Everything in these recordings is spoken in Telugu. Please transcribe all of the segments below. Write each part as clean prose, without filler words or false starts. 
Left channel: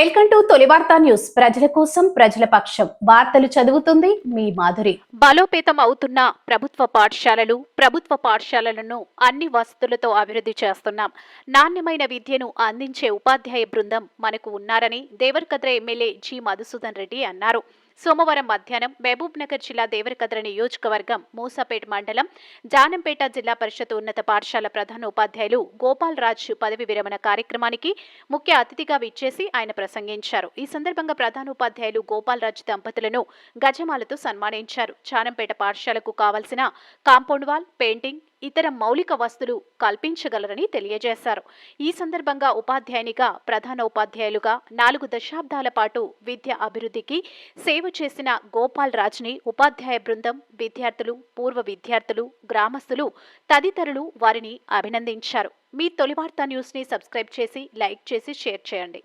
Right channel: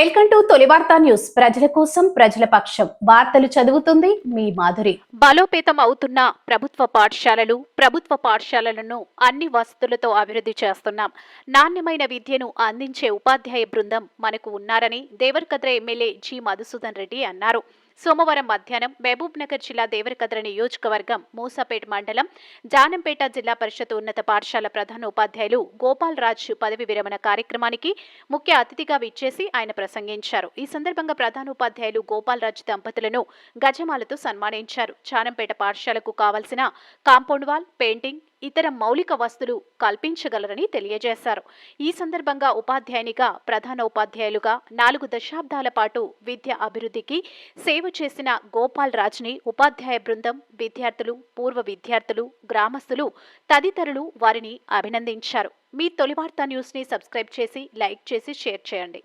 వెల్కమ్ టు తొలి వార్తా న్యూస్. ప్రజల కోసం ప్రజల పక్షం వార్తలు చదువుతుంది మీ మాధురి. బలోపేతం అవుతున్న ప్రభుత్వ పాఠశాలలను అన్ని వసతులతో అభివృద్ధి చేస్తున్నాం. నాణ్యమైన విద్యను అందించే ఉపాధ్యాయ బృందం మనకు ఉన్నారని దేవరకద్ర ఎమ్మెల్యే జి మధుసూదన్ రెడ్డి అన్నారు. సోమవారం మధ్యాహ్నం మహబూబ్ నగర్ జిల్లా దేవరకద్ర నియోజకవర్గం మూసాపేట్ మండలం జానంపేట జిల్లా పరిషత్ ఉన్నత పాఠశాల ప్రధాన ఉపాధ్యాయులు గోపాల్ రాజ్ పదవి విరమణ కార్యక్రమానికి ముఖ్య అతిథిగా విచ్చేసి ఆయన ప్రసంగించారు. ఈ సందర్భంగా ప్రధాన ఉపాధ్యాయులు గోపాల్ రాజ్ దంపతులను గజమాలతో సన్మానించారు. జానంపేట పాఠశాలకు కావాల్సిన కాంపౌండ్ వాల్, పెయింటింగ్, ఇతర మౌలిక వస్తువులు కల్పించగలరని తెలియజేశారు. ఈ సందర్భంగా ఉపాధ్యాయునిగా, ప్రధాన ఉపాధ్యాయులుగా 4 దశాబ్దాల పాటు విద్య అభివృద్ధికి సేవ చేసిన గోపాల్ రాజ్ని ఉపాధ్యాయ బృందం, విద్యార్థులు, పూర్వ విద్యార్థులు, గ్రామస్తులు తదితరులు వారిని అభినందించారు. మీ తొలి వార్తా న్యూస్ ని సబ్స్క్రైబ్ చేసి, లైక్ చేసి, షేర్ చేయండి.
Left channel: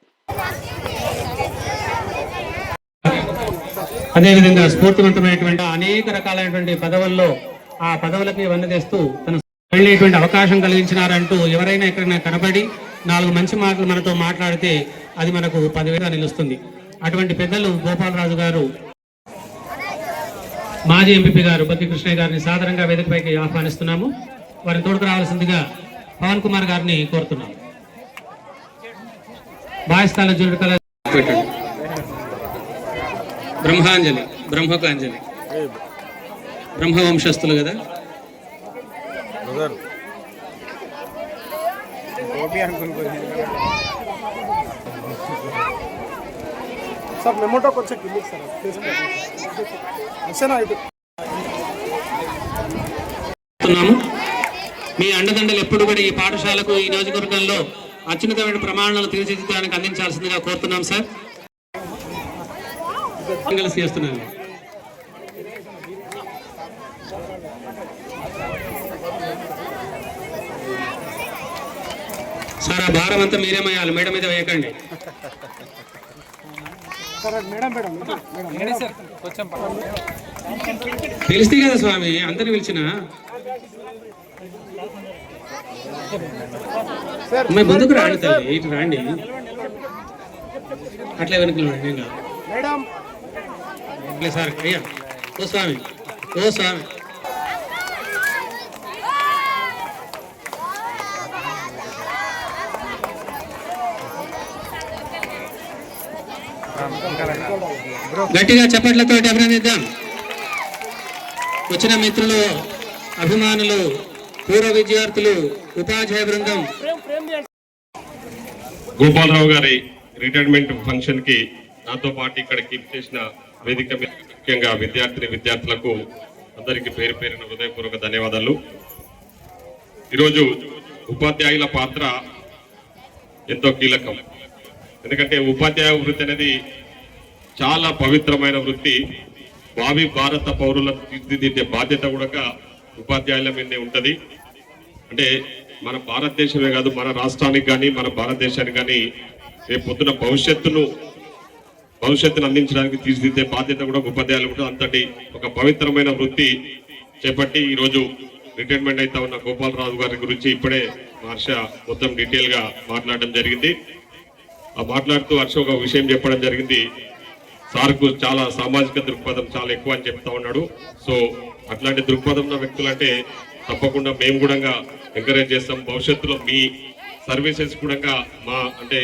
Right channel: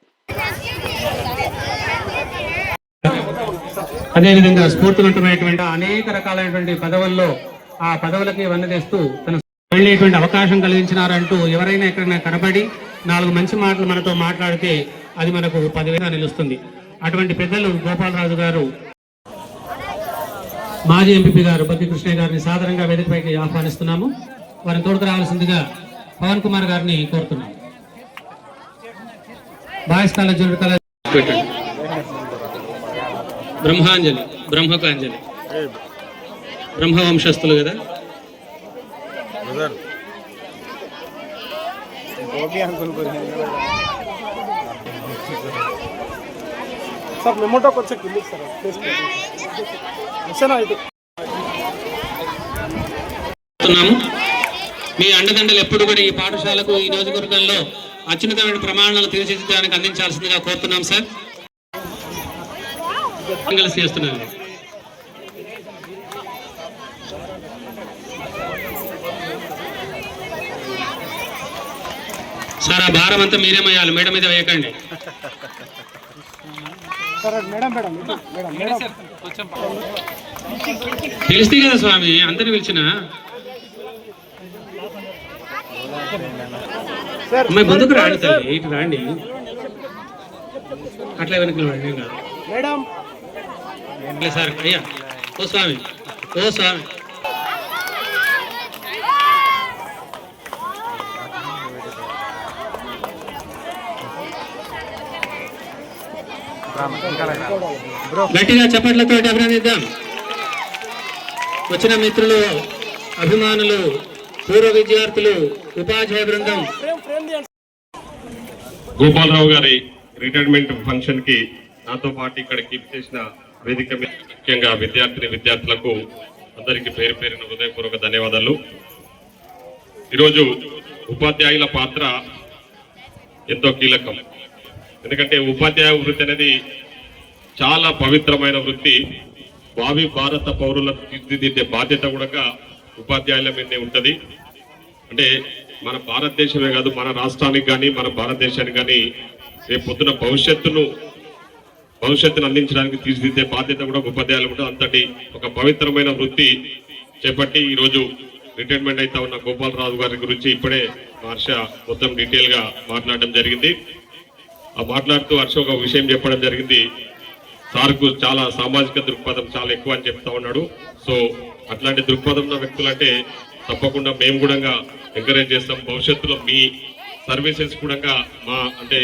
అదేవిధంగా స్ఫూర్తివంతమైనటువంటి అనేక రకాలైనటువంటి పదవుల్లో ఆ పదవులకి వన్నదేస్తూ తన వెళ్ళేటువంటి అవకాశం కలిగించినారంటూ ఎవరైనా ఎక్కడైనా కనబడి 4 మంచి మాటలు మనతో మాట్లాడితే అది మనకు 10,000గా నిలుస్తుంది. అటువంటి పెద్దలు గోపాలరాజు గారు, మాజీ ఎంపీ గారు బత్తి కృష్ణయ్య గారిని సాధారణంగా వేదికపైకి ఆహ్వానిస్తున్నాము. వారిని తోడుకు రావాల్సిందిగా పవన్ కుమార్ గారిని కోరుతున్నాము. బాయ్స్ కాలేజ్ బ్రహ్మాంజలి, బ్రహ్మకాంజలి, బ్రహ్మవంశస్థులు కదా. మీ అండదండలు ఎప్పుడు కూడా ఈ పాఠశాలకు, ఈ నియోజకవర్గంలో అత్యున్నతమైన ప్రమాణాలను తీర్చిదిద్దడానికి అందించాల్సిందిగా కోరుతున్నాం సార్. కలిసి చేస్తున్నాను సార్. ఆ భారం అంతా మీరేమయ్యాలి, మేడం మీద వేయకండి. తెలిస్తే కదా స్వామి అందరిని పిలిచిన. అమ్మాయి ముందుకు రాండి తల్లి, ఇటు రాండి. అట్లా వెనక్కి రండి. సార్ అయ్యా, ఓ స్వామి, ఓ స్వామి. గట్టిగా చప్పట్లతో అభినందిద్దాం. వచ్చిన మిత్రులు, అభిమానులు, పూర్వ విద్యార్థులు, ఉపాధ్యాయ బృందం. గోపాలరావు గారి రిటైర్మెంట్ ఫంక్షన్ కి నాతో పాటు ఇక్కడికి చేసిన వేదిక ముఖ్యంగా విద్యార్థులకు అందరికీ పేరు పేరున హృదయపూర్వక ధన్యవాదాలు. ఈరోజు ఉపాధ్యాయుల పాత్ర ఎంతో కీలకం. ఎందుకంటే ఉపాధ్యాయ వృత్తి అనేది చాలా పవిత్రమైన వృత్తి. భావి భారత పౌరులకు తీర్చిదిద్దే బాధ్యత కూడా ఉపాధ్యాయుల మీదే ఉంటుంది. అంటే మన భారతదేశమే కాదు, మన రాష్ట్రానికి కానీ మన భారతదేశానికి కానీ రేపు పొద్దున భవిష్యత్తును అందించడానికి తీర్చిదిద్దే బాధ్యత కూడా ఉపాధ్యాయులు కూడా అంతటి ఒక పవిత్రమైన వృత్తి చేపట్టి ఈరోజు రిటైర్మెంట్ అయితే ఉన్న గోపాలరాజు గారి గురించి ఇప్పుడే హర్ష మొత్తం డీటెయిల్ గా మాట్లాడడం జరిగింది. ఆ మాట్లాడుతూ హర్ష ఒక విషయం చెప్పడం జరిగింది. సార్కు చాలా సామాజిక దృక్పథం చాలా ఎక్కువ అని చెప్తా ఉన్నాడు. సో అట్లాంటి దృక్పథం ఉన్న వ్యక్తులు అంటే తప్పకుండా మేము కూడా ఎంకరేజ్ చేస్తాం. భవిష్యత్తులో మీ సర్వీసెస్ కూడా మా అంటే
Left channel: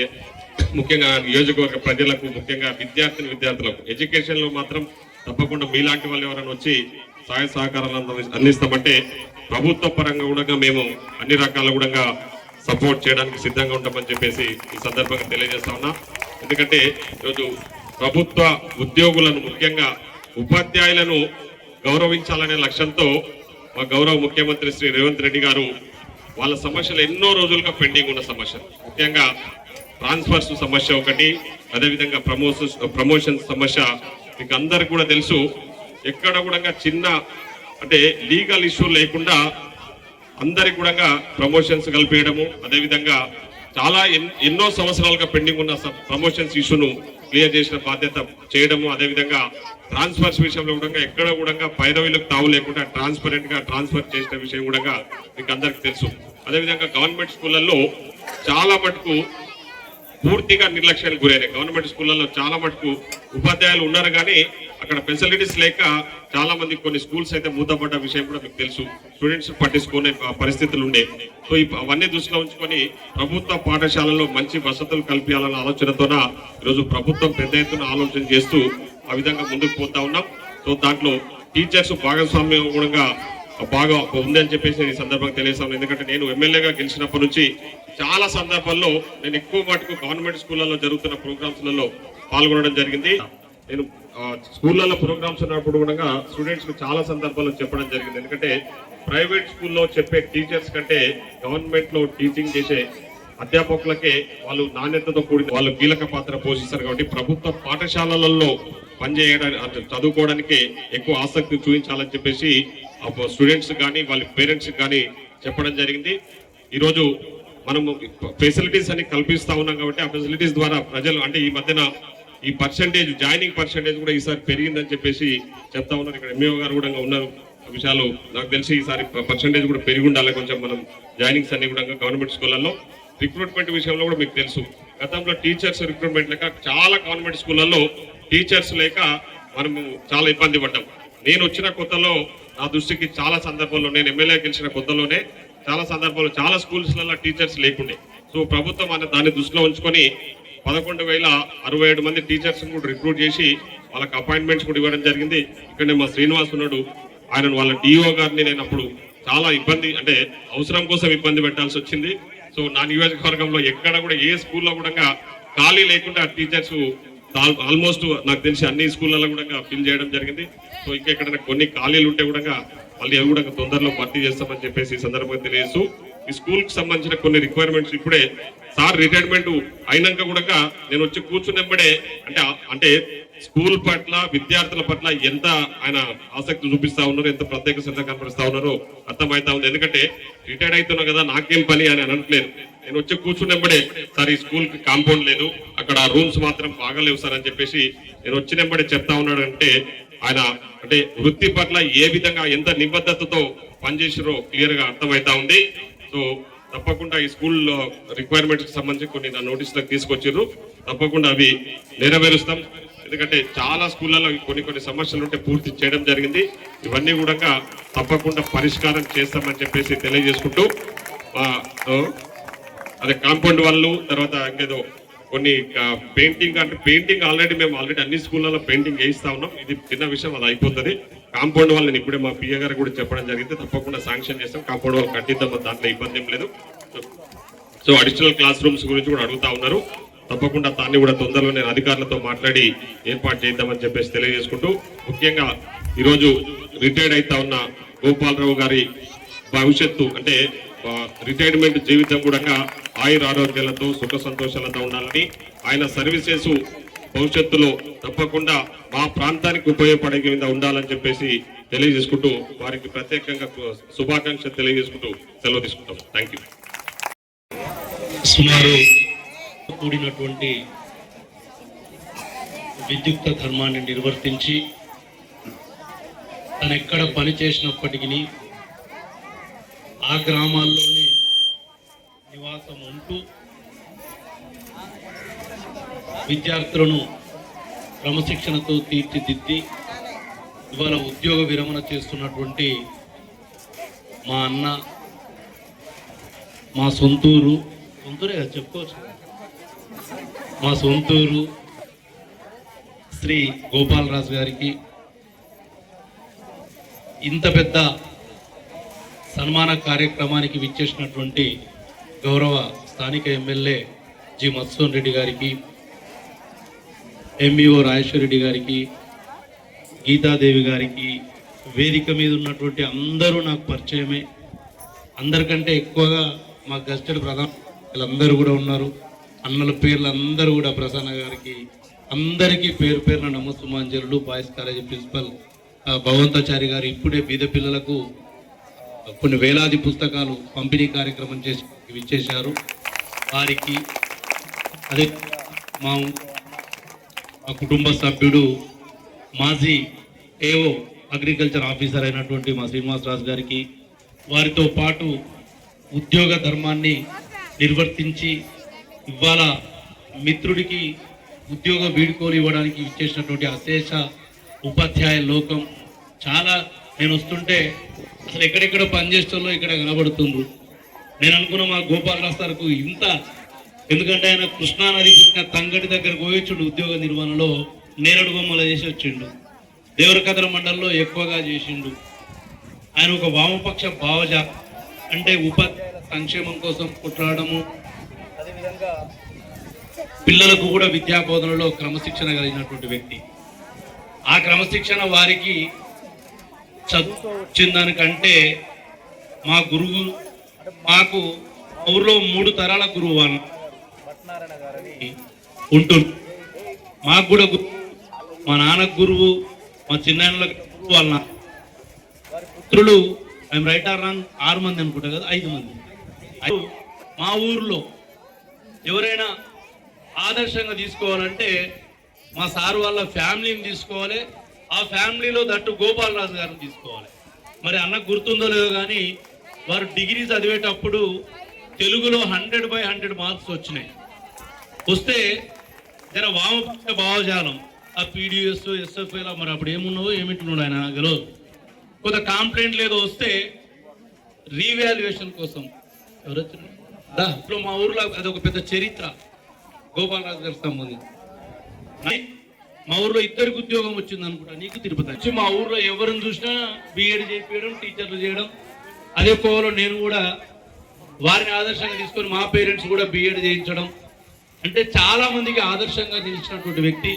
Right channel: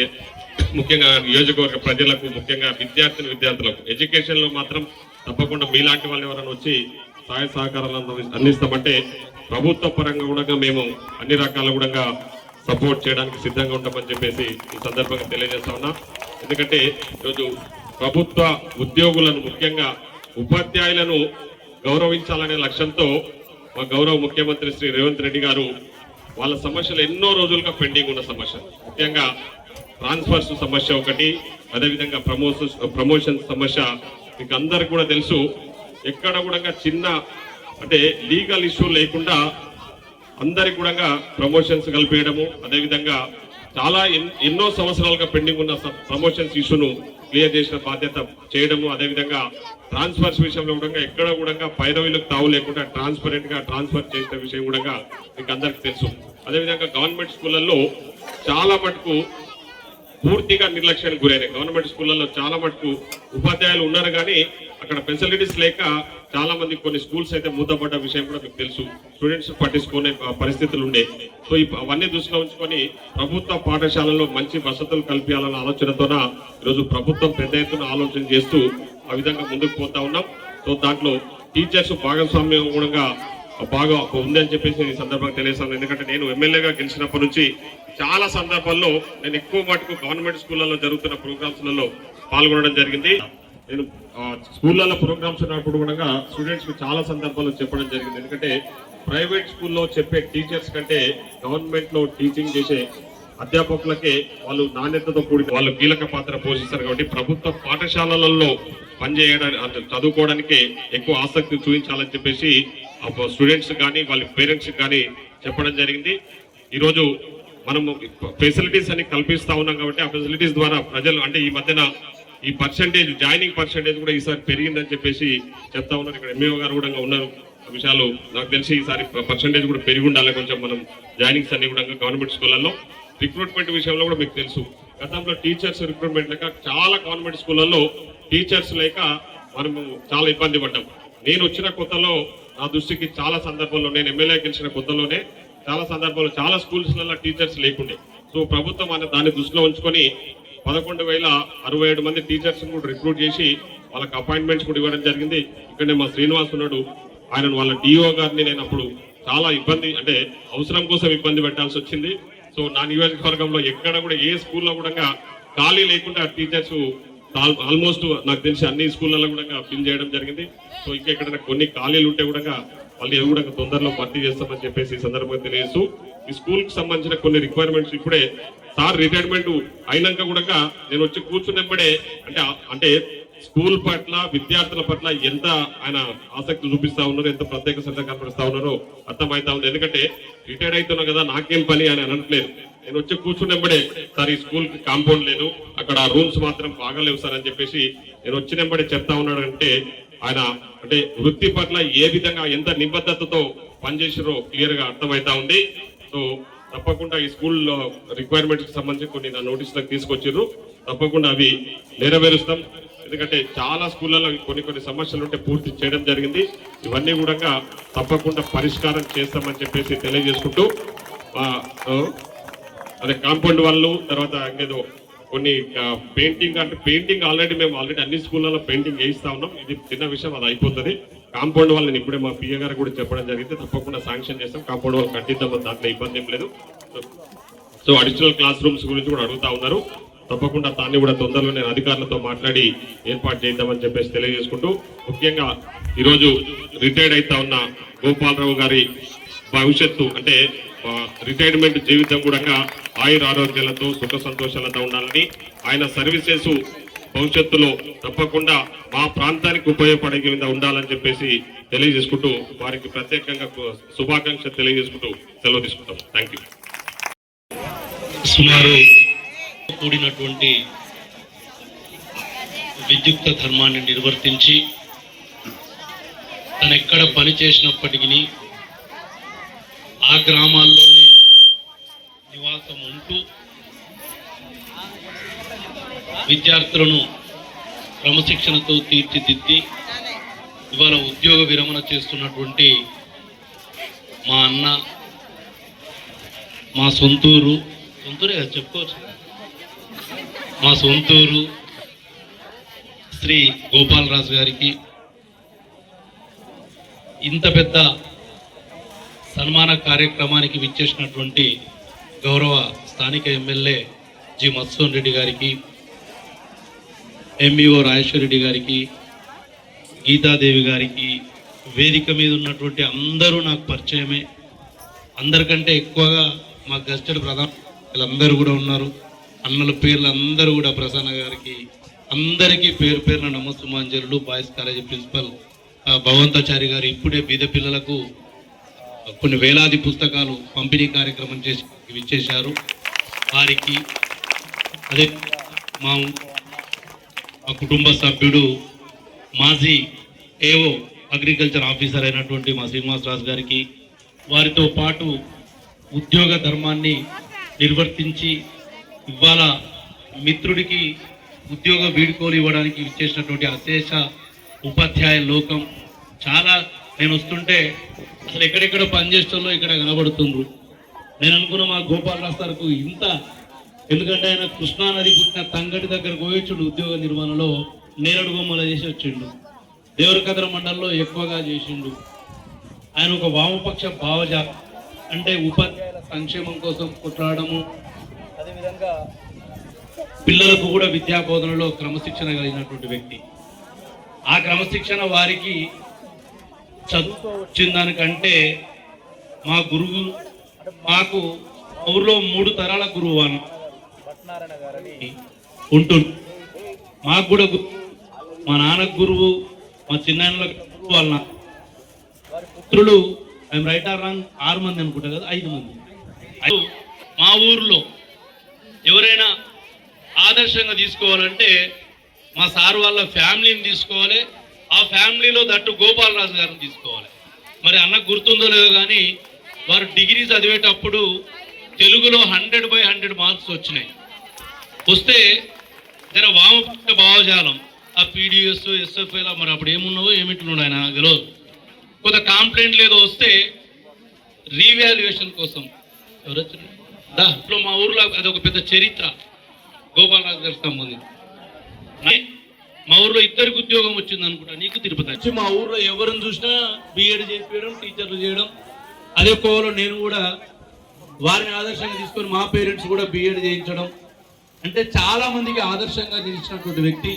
ముఖ్యంగా నియోజకవర్గ ప్రజలకు, ముఖ్యంగా విద్యార్థులకు ఎడ్యుకేషన్ లో మాత్రం తప్పకుండా మీలాంటి వాళ్ళు ఎవరైనా వచ్చి సహాయ సహకారాలను అందిస్తామంటే ప్రభుత్వ పరంగా కూడా మేము అన్ని రకాల కూడా సపోర్ట్ చేయడానికి సిద్ధంగా ఉంటామని చెప్పేసి ఈ సందర్భంగా తెలియజేస్తా ఉన్నా. ఎందుకంటే ఈరోజు ప్రభుత్వ ఉద్యోగులను, ముఖ్యంగా ఉపాధ్యాయులను గౌరవించాలనే లక్ష్యంతో మా గౌరవ ముఖ్యమంత్రి శ్రీ రేవంత్ రెడ్డి గారు వాళ్ళ సమస్యలు ఎన్నో రోజులుగా పెండింగ్ ఉన్న సమస్యలు, ముఖ్యంగా ట్రాన్స్ఫర్స్ సమస్య ఒకటి, అదేవిధంగా ప్రమోషన్స్ సమస్య మీకు అందరికి కూడా తెలుసు. ఎక్కడ కూడా చిన్న అంటే లీగల్ ఇష్యూ లేకుండా అందరికి కూడా ప్రమోషన్స్ కల్పించడము, అదేవిధంగా చాలా ఎన్నో సంవత్సరాలుగా పెండింగ్ ఉన్న ప్రమోషన్స్ ఇష్యూను క్లియర్ చేసిన బాధ్యత చేయడము, అదేవిధంగా ట్రాన్స్ఫర్స్ విషయంలో కూడా ఎక్కడ కూడా పైరవీలకు తావు లేకుండా ట్రాన్స్పరెంట్ గా ట్రాన్స్ఫర్ చేసిన విషయం కూడా మీకు అందరికి తెలుసు. అదేవిధంగా గవర్నమెంట్ స్కూళ్ళల్లో చాలా మటుకు పూర్తిగా నిర్లక్ష్యానికి గురైనాయి. గవర్నమెంట్ స్కూళ్ళలో చాలా మటుకు ఉపాధ్యాయులు ఉన్నారు కానీ అక్కడ ఫెసిలిటీస్ లేక చాలా మంది కొన్ని స్కూల్స్ అయితే మూతపడ్డ విషయం కూడా మీకు తెలుసు. స్టూడెంట్స్ పట్టించుకునే పరిస్థితులు ఉండే. సో అవన్నీ దృష్టిలో ఉంచుకొని ప్రభుత్వ పాఠశాలలో మంచి వసతులు కల్పించాలన్న ఆలోచనతోన ఈరోజు ప్రభుత్వం పెద్ద ఎత్తున ఆలోచన చేస్తూ ఆ విధంగా ముందుకు పోతా ఉన్నాం. సో దాంట్లో టీచర్స్ భాగస్వామ్యం కూడా బాగా ఉందని చెప్పేసి ఈ సందర్భంగా తెలియజేస్తాను. ఎందుకంటే నేను ఎమ్మెల్యేగా గెలిచినప్పటి నుంచి చాలా సందర్భాల్లో నేను ఎక్కువ మటుకు గవర్నమెంట్ స్కూళ్ళలో జరుగుతున్న ప్రోగ్రామ్స్లలో పాల్గొనడం జరిగింది. నేను స్కూళ్ళలో ప్రోగ్రామ్స్ ఉన్నప్పుడు కూడా స్టూడెంట్స్ కి చాలా సందర్భాల్లో చెప్పడం జరిగింది. ఎందుకంటే ప్రైవేట్ స్కూల్లో చెప్పే టీచర్స్ కంటే గవర్నమెంట్ లో టీచింగ్ చేసే అధ్యాపకులకే వాళ్ళు నాణ్యతతో కూడిన వాళ్ళు కీలక పాత్ర పోషిస్తారు. కాబట్టి ప్రభుత్వ పాఠశాలలలో పనిచేయడానికి చదువుకోవడానికి ఎక్కువ ఆసక్తి చూపించాలని చెప్పేసి స్టూడెంట్స్ కానీ వాళ్ళ పేరెంట్స్ కానీ చెప్పడం జరిగింది. ఈరోజు మనము ఫెసిలిటీస్ అని కల్పిస్తా ఉన్నాం కాబట్టి ఆ ఫెసిలిటీస్ ద్వారా ప్రజలు అంటే ఈ మధ్యన ఈ పర్సంటేజ్ జాయినింగ్ పర్సంటేజ్ కూడా ఈసారి పెరిగిందని చెప్పేసి చెప్తా ఉన్నారు. ఇక్కడ ఎంఈఓ గారు కూడా ఉన్న విషయాలు నాకు తెలిసి ఈసారి పర్సంటేజ్ కూడా పెరిగి ఉండాలి కొంచెం. మనం జాయినింగ్స్ అన్ని కూడా గవర్నమెంట్ స్కూళ్ళల్లో రిక్రూట్మెంట్ విషయంలో కూడా మీకు తెలుసు గతంలో టీచర్స్ రిక్రూట్మెంట్ లేక చాలా గవర్నమెంట్ స్కూళ్ళల్లో టీచర్స్ లేక మనము చాలా ఇబ్బంది పడ్డాం. నేను వచ్చిన కొత్తలో నా దృష్టికి చాలా సందర్భాల్లో నేను ఎమ్మెల్యే గెలిచిన కొత్తలోనే చాలా సందర్భాల్లో చాలా స్కూల్స్లలో టీచర్స్ లేకుండే. సో ప్రభుత్వం దాన్ని దృష్టిలో ఉంచుకొని 11,067 మంది టీచర్స్ కూడా రిక్రూట్ చేసి వాళ్ళకి అపాయింట్మెంట్స్ కూడా ఇవ్వడం జరిగింది. ఇక్కడనే మా శ్రీనివాస్ ఉన్నాడు, ఆయన వాళ్ళ డిఓ గారిని నేను అప్పుడు చాలా ఇబ్బంది అంటే అవసరం కోసం ఇబ్బంది పెట్టాల్సి వచ్చింది. సో నా నియోజకవర్గంలో ఎక్కడ కూడా ఏ స్కూల్లో కూడా ఖాళీ లేకుండా టీచర్స్ ఆల్మోస్ట్ నాకు తెలిసి అన్ని స్కూళ్ళలో కూడా ఫిల్ చేయడం జరిగింది. సో ఇంకా ఎక్కడైనా కొన్ని ఖాళీలు ఉంటే కూడా వాళ్ళు అవి కూడా తొందరలో భర్తీ చేస్తామని చెప్పేసి ఈ సందర్భంగా తెలియజేస్తూ ఈ స్కూల్ కి సంబంధించిన కొన్ని రిక్వైర్మెంట్స్ ఇప్పుడే సార్ రిటైర్మెంట్ అయినాక కూడా నేను వచ్చి కూర్చున్నప్పుడే అంటే స్కూల్ పట్ల విద్యార్థుల పట్ల ఎంత ఆయన ఆసక్తి చూపిస్తా ఉన్నారు, ఎంత ప్రత్యేక శ్రద్ధ కనిపిస్తా ఉన్నారో అర్థమవుతా ఉంది. ఎందుకంటే రిటైర్డ్ అవుతున్నా కదా నాకేం పని అని అనట్లేదు. నేను వచ్చి కూర్చున్నప్పుడే సార్ ఈ స్కూల్ కి కాంపౌండ్ లేదు, అక్కడ రూమ్స్ మాత్రం బాగాలేవు సార్ అని చెప్పేసి నేను వచ్చినప్పుడే చెప్తా ఉన్నాడు. అంటే ఆయన అంటే వృత్తి పట్ల ఏ విధంగా ఎంత నిబద్ధతతో పనిచేసారో క్లియర్ గా అర్థమవుతా ఉంది. సో తప్పకుండా ఈ స్కూల్ రిక్వైర్మెంట్స్ కి సంబంధించి కొన్ని నా నోటీసులకు తీసుకొచ్చారు, తప్పకుండా అవి నెరవేరుస్తాం. ఎందుకంటే చాలా స్కూళ్ళలో కొన్ని సమస్యలు ఉంటే పూర్తి చేయడం జరిగింది. ఇవన్నీ కూడా తప్పకుండా పరిష్కారం చేస్తామని చెప్పేసి తెలియజేసుకుంటూ అదే కాంపౌండ్ వాళ్ళు తర్వాత ఇంకేదో కొన్ని పెయింటింగ్ ఆల్రెడీ మేము అన్ని స్కూళ్ళలో పెయింటింగ్ వేయిస్తా ఉన్నాం. ఇది చిన్న విషయం, అది అయిపోతుంది. కాంపౌండ్ వాళ్ళని ఇప్పుడే మా పిఏ గారు కూడా చెప్పడం జరిగింది, తప్పకుండా శాంక్షన్ చేస్తాం. కాంపౌండ్ వాళ్ళు కట్టిద్దాం, దాంట్లో ఇబ్బంది ఏం లేదు. సో అడిషనల్ క్లాస్ రూమ్స్ గురించి కూడా అడుగుతా ఉన్నారు, తప్పకుండా దాన్ని కూడా తొందరలో నేను అధికారులతో మాట్లాడి ఏర్పాటు చేద్దామని చెప్పేసి తెలియజేసుకుంటూ ముఖ్యంగా ఈరోజు రిటైర్డ్ అవుతా ఉన్న గోపాలరావు గారి భవిష్యత్తు అంటే రిటైర్మెంట్ జీవితం కూడా ఆయుర ఆరోగ్యాలతో సుఖ సంతోషాలతో ఉండాలని, ఆయన సర్వీసెస్ భవిష్యత్తులో తప్పకుండా మా ప్రాంతానికి ఉపయోగపడే విధంగా ఉండాలని చెప్పేసి తెలియజేసుకుంటూ వారికి ప్రత్యేకంగా శుభాకాంక్షలు తెలియజేసుకుంటూ సెలవు తీసుకుంటాం. Thank you. సుమారు కూడినటువంటి విద్యుక్త ధర్మాన్ని నిర్వర్తించి తను ఎక్కడ పని చేసినప్పటికీ ఆ గ్రామాల్లోనే నివాసం ఉంటూ విద్యార్థులను క్రమశిక్షణతో తీర్చిదిద్ది ఇవాళ ఉద్యోగ విరమణ చేస్తున్నటువంటి మా అన్న, మా సొంతూరే చెప్పుకోవచ్చు, మా సొంతూరు శ్రీ గోపాలరాజు గారికి ఇంత పెద్ద సన్మాన కార్యక్రమానికి విచ్చేసినటువంటి గౌరవ స్థానిక ఎమ్మెల్యే జి మత్సోన్ రెడ్డి గారికి, ఎంఈఓ రాజేశ్వర్ రెడ్డి గారికి, గీతాదేవి గారికి, వేదిక మీద ఉన్నటువంటి అందరూ నాకు పరిచయమే. అందరికంటే ఎక్కువగా మా గస్టెడ్ ప్రధాన వీళ్ళందరూ కూడా ఉన్నారు. అన్నల పేర్లు అందరూ కూడా ప్రసన్న గారికి అందరికీ పేరు పేరున నమస్సుమాంజలు. బాయ్స్ కాలేజీ ప్రిన్సిపల్ భగవంతాచారి గారు ఇప్పుడే బీద పిల్లలకు కొన్ని వేలాది పుస్తకాలు పంపిణీ కార్యక్రమం చేసి ఇచ్చేశారు. వారికి అదే మా కుటుంబ సభ్యుడు మాజీ ఏఓ అగ్రికల్చర్ ఆఫీసర్ అయినటువంటి మా శ్రీనివాసరాజు గారికి, వారితో పాటు ఉద్యోగ ధర్మాన్ని నిర్వర్తించి ఇవాళ మిత్రుడికి ఉద్యోగ వీడ్కోలు ఇవ్వడానికి ఇచ్చేసినటువంటి అశేష ఉపాధ్యాయ లోకం చాలా. నేను వస్తుంటే అసలు ఎక్కడెక్కడ పనిచేస్తుందో ఇక్కడ కనబడుతుంది. నేను అనుకున్న మా గోపాలరావు సార్కు ఇంత, ఎందుకంటే ఆయన కృష్ణానది పుట్టిన తంగడి దగ్గరకు పోయొచ్చుడు ఉద్యోగ నిర్వహణలో, నేరడు బొమ్మలు చేసి వచ్చిండు. దేవరకద్ర మండలంలో ఎక్కువగా చేసిండు. ఆయన ఒక వామపక్ష భావజ, అంటే ఉపాధ్యాయుల సంక్షేమం కోసం కొట్లాడము, అదేవిధంగా పిల్లలకు కూడా విద్యా బోధనలో క్రమశిక్షణ కలిగినటువంటి వ్యక్తి. ఆ క్రమశిక్షణ వారికి చదువుతో వచ్చిన దానికంటే మా గురువు, మాకు ఊర్లో 3 తరాల గురువు అని ఉంటుంది. మాకు కూడా మా నాన్నకు గురువు, మా చిన్నాన్నలకు గురువు, వాళ్ళ వారి పుత్రులు, ఐఎమ్ రైట్ ఆర్ రాంగ్ 6 మంది అనుకుంటా కదా, 5 మంది. మా ఊర్లో ఎవరైనా ఆదర్శంగా తీసుకోవాలంటే మా సార్ వాళ్ళ ఫ్యామిలీని తీసుకోవాలి. ఆ ఫ్యామిలీలో దట్టు గోపాలరాజు గారిని తీసుకోవాలి. మరి అన్నకు గుర్తుందో లేదో కానీ వారు డిగ్రీ చదివేటప్పుడు తెలుగులో 100/100 మార్క్స్ వచ్చినాయి. వస్తే జర వామపక్ష భావజాలం, ఆ పీడిఎస్ ఎస్ఎఫ్ఐలా మరి అప్పుడు ఏమున్నావో ఏమింటున్నాడు ఆయన తెలియదు. కొంత కాంప్లైంట్ లేదో వస్తే రీవాల్యుయేషన్ కోసం ఇప్పుడు మా ఊర్లో అదొక పెద్ద చరిత్ర గోపాలరాజు గారికి సంబంధించి. మా ఊర్లో 2 ఉద్యోగం వచ్చింది అనుకుంటా, నీకు తిరుపతి. మా ఊర్లో ఎవరిని చూసినా బీఎడ్ చేయడం, టీచర్లు చేయడం. అదే కోవలో నేను కూడా వారిని ఆదర్శంగా తీసుకొని మా పేరెంట్స్ కూడా బీఎడ్ చేయించడం. అంటే చాలా మందికి ఆదర్శంగా నిలిచినటువంటి వ్యక్తి,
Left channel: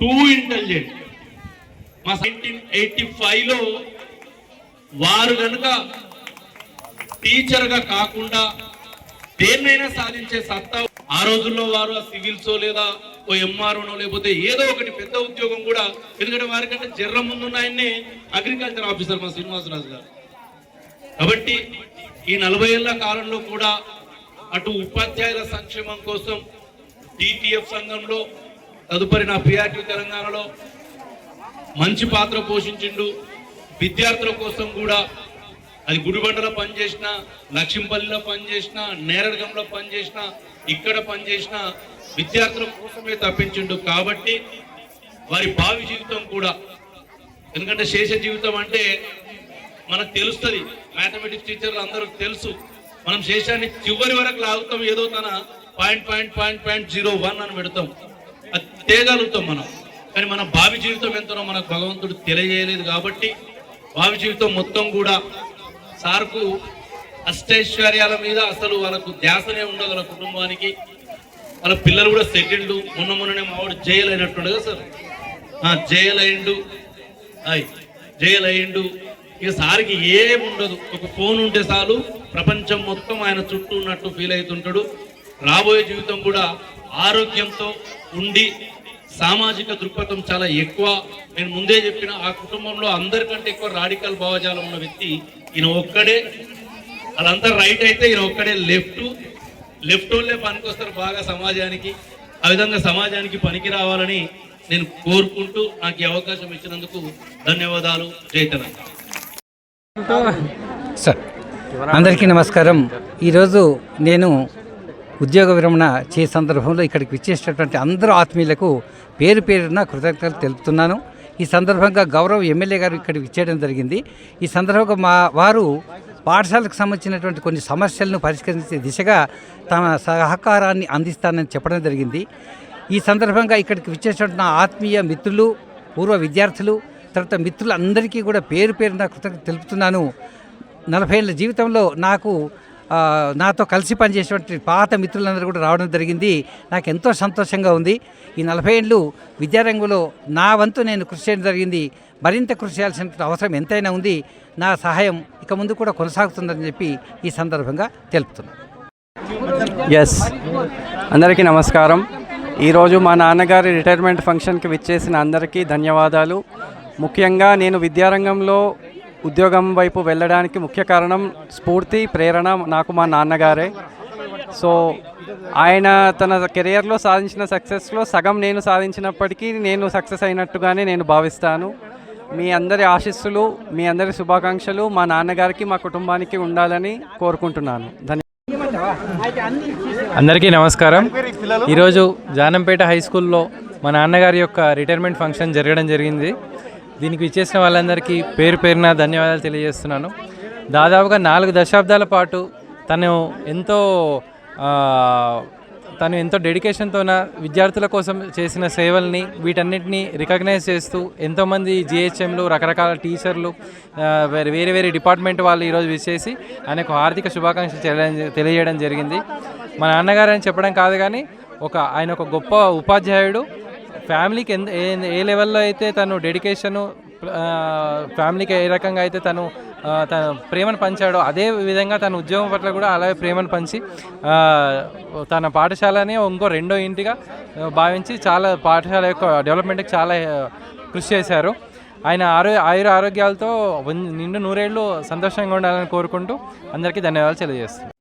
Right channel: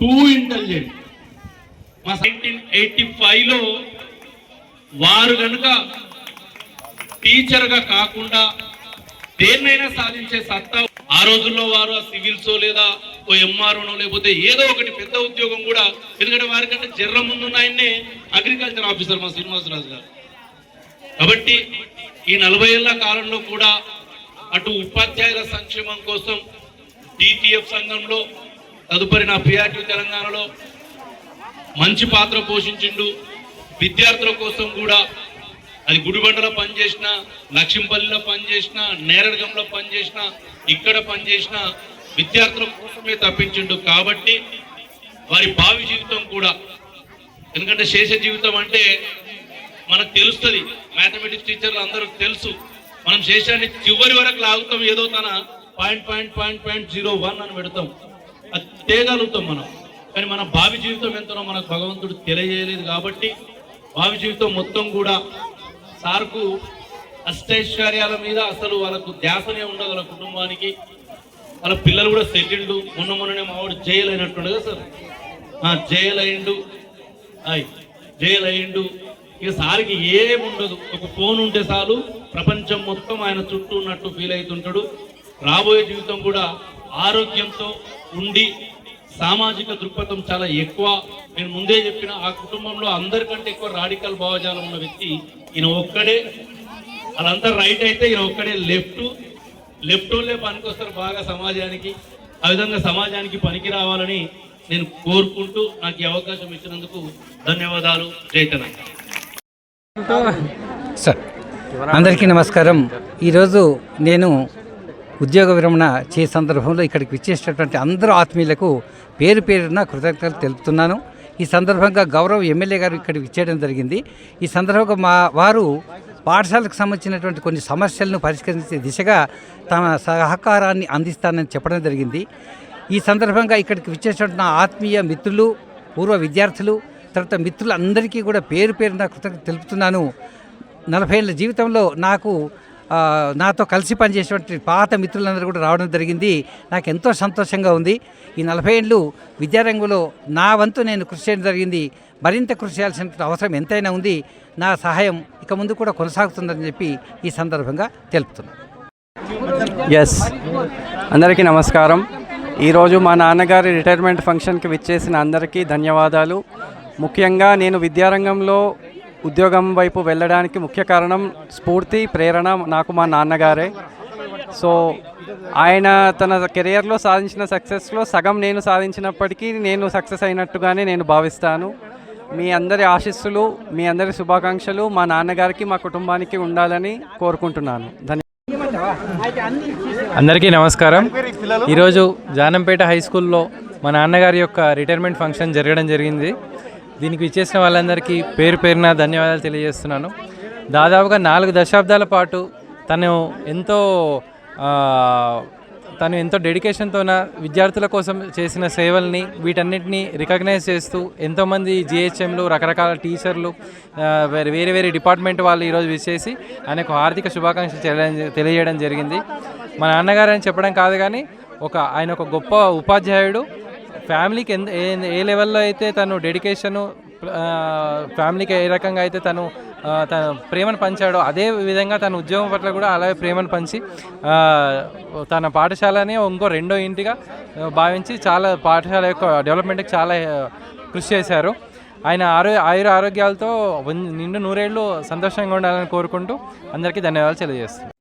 టూ ఇంటెలిజెంట్. మా 1985లో వారు కనుక టీచర్గా కాకుండా దేన్నైనా సాధించే సత్తా, ఆ రోజుల్లో వారు ఆ సివిల్సో లేదా ఓ ఎంఆర్ఓనో లేకపోతే ఏదో ఒకటి పెద్ద ఉద్యోగం కూడా, ఎందుకంటే వారికంటే జర్ర ముందున్న ఆయన్నే అగ్రికల్చర్ ఆఫీసర్ మా శ్రీనివాసరాజు గారు. కాబట్టి ఈ 40 ఏళ్ల కాలంలో కూడా అటు ఉపాధ్యాయుల సంక్షేమం కోసం టీటీఎఫ్ సంఘంలో, తదుపరి నా పిఆర్టీ తెలంగాణలో మంచి పాత్ర పోషించిండు. విద్యార్థుల కోసం కూడా అది గుడిబండలో పనిచేసిన, లక్ష్మీపల్లిలో పనిచేసిన, నేరడగంలో పనిచేసిన, ఇక్కడ పనిచేసిన విద్యార్థుల కోసమే తప్పించిండు. కాబట్టి వారి భావి జీవితం కూడా, ఎందుకంటే శేష జీవితం అంటే మనకు తెలుస్తుంది, మ్యాథమెటిక్స్ టీచర్లు అందరికి తెలుసు, మనం శేషాన్ని చివరి వరకు లాగుతాం, ఏదో తన .01 అని పెడతాం, అది తేగలుగుతాం మనం. కానీ మన భావి జీవితం ఎంతనో మనకు భగవంతుడు తెలియజేయలేదు. కాబట్టి భావి జీవితం మొత్తం కూడా సార్కు అష్టైశ్వర్యాల మీద అసలు వాళ్ళకు ధ్యాసనే ఉండదు. వాళ్ళ కుటుంబానికి, వాళ్ళ పిల్లలు కూడా సెటిల్డ్. మొన్ననే మావాడు జైలు అయినట్టుండే కదా సార్, జైలు అయ్యిండు. ఇక సార్కి ఏముండదు, ఒక ఫోన్ ఉంటే చాలు ప్రపంచం మొత్తం ఆయన చుట్టూ ఉన్నట్టు ఫీల్ అవుతుంటాడు. రాబోయే జీవితం కూడా ఆరోగ్యంతో ఉండి, సామాజిక దృక్పథం చాలా ఎక్కువ. నేను ముందే చెప్పిన, ఆ కుటుంబంలో అందరికంటే ఎక్కువ రాడికల్ భావజాలం ఉన్న వ్యక్తి ఈయన ఒక్కడే. వాళ్ళంతా రైట్ అయితే ఈయన ఒక్కడే లెఫ్ట్ వాళ్ళే పనికొస్తారు బాగా సమాజానికి. ఆ విధంగా సమాజానికి పనికి రావాలని నేను కోరుకుంటూ నాకు ఈ అవకాశం ఇచ్చినందుకు ధన్యవాదాలు. జై తెలంగాణ. సార్ అందరికీ నమస్కారం. ఈరోజు నేను ఉద్యోగ విరమణ చే సందర్భంలో ఇక్కడికి విచ్చేసినటువంటి అందరూ ఆత్మీయులకు పేరు పేరున కృతజ్ఞతలు తెలుపుతున్నాను. ఈ సందర్భంగా గౌరవ ఎమ్మెల్యే గారు ఇక్కడికి విచ్చేయడం జరిగింది. ఈ సందర్భంగా వారు పాఠశాలకు సంబంధించినటువంటి కొన్ని సమస్యలను పరిష్కరించే దిశగా తమ సహకారాన్ని అందిస్తానని చెప్పడం జరిగింది. ఈ సందర్భంగా ఇక్కడికి విచ్చేసినటువంటి నా ఆత్మీయ మిత్రులు, పూర్వ విద్యార్థులు, తర్వాత మిత్రులందరికీ కూడా పేరు పేరున కృతజ్ఞత తెలుపుతున్నాను. 40 ఏళ్ళ జీవితంలో నాతో కలిసి పనిచేసేటువంటి పాత మిత్రులందరూ కూడా రావడం జరిగింది. నాకు ఎంతో సంతోషంగా ఉంది. ఈ 40 ఏళ్ళు విద్యారంగంలో నా వంతు నేను కృషి చేయడం జరిగింది. మరింత కృషి చేయాల్సిన అవసరం ఎంతైనా ఉంది. నా సహాయం ఇక ముందు కూడా కొనసాగుతుందని చెప్పి ఈ సందర్భంగా తెలుపుతున్నాను. అందరికీ నమస్కారం. ఈరోజు మా నాన్నగారి రిటైర్మెంట్ ఫంక్షన్కి విచ్చేసిన అందరికీ ధన్యవాదాలు. ముఖ్యంగా నేను విద్యారంగంలో ఉద్యోగం వైపు వెళ్ళడానికి ముఖ్య కారణం, స్ఫూర్తి, ప్రేరణ నాకు మా నాన్నగారే. సో ఆయన తన కెరియర్లో సాధించిన సక్సెస్లో సగం నేను సాధించినప్పటికీ నేను సక్సెస్ అయినట్టుగానే నేను భావిస్తాను. మీ అందరి ఆశీస్సులు, మీ అందరి శుభాకాంక్షలు మా నాన్నగారికి, మా కుటుంబానికి ఉండాలని కోరుకుంటున్నాను. ధన్యవాదాలు. అందరికీ నమస్కారం. ఈరోజు జానంపేట హై స్కూల్లో మా నాన్నగారి యొక్క రిటైర్మెంట్ ఫంక్షన్ జరగడం జరిగింది. దీనికి ఇచ్చేసిన వాళ్ళందరికీ పేరు పేరున ధన్యవాదాలు తెలియజేస్తున్నాను. దాదాపుగా 4 దశాబ్దాల పాటు తను ఎంతో డెడికేషన్తో విద్యార్థుల కోసం చేసిన సేవల్ని వీటన్నిటిని రికగ్నైజ్ చేస్తూ ఎంతోమంది జిహెచ్ఎంలు, రకరకాల టీచర్లు, వేరే వేరే డిపార్ట్మెంట్ వాళ్ళు ఈరోజు విచ్చేసి ఆయనకు హార్దిక శుభాకాంక్షలు తెలియజేయడం జరిగింది. మా నాన్నగారు అని చెప్పడం కాదు కానీ ఆయన ఒక గొప్ప ఉపాధ్యాయుడు. ఫ్యామిలీకి ఏ లెవెల్లో అయితే తను డెడికేషను, ఫ్యామిలీకి ఏ రకంగా అయితే తన ప్రేమను పంచాడో అదే విధంగా తన ఉద్యోగం పట్ల కూడా అలాగే ప్రేమను పంచి తన పాఠశాలని ఇంకో రెండో ఇంటిగా భావించి చాలా పాఠశాల యొక్క డెవలప్మెంట్కి చాలా కృషి చేశారు. ఆయన ఆరోగ్యాలతో నిండు 100 ఏళ్ళు సంతోషంగా ఉండాలని కోరుకుంటూ అందరికీ ధన్యవాదాలు తెలియజేస్తున్నాను.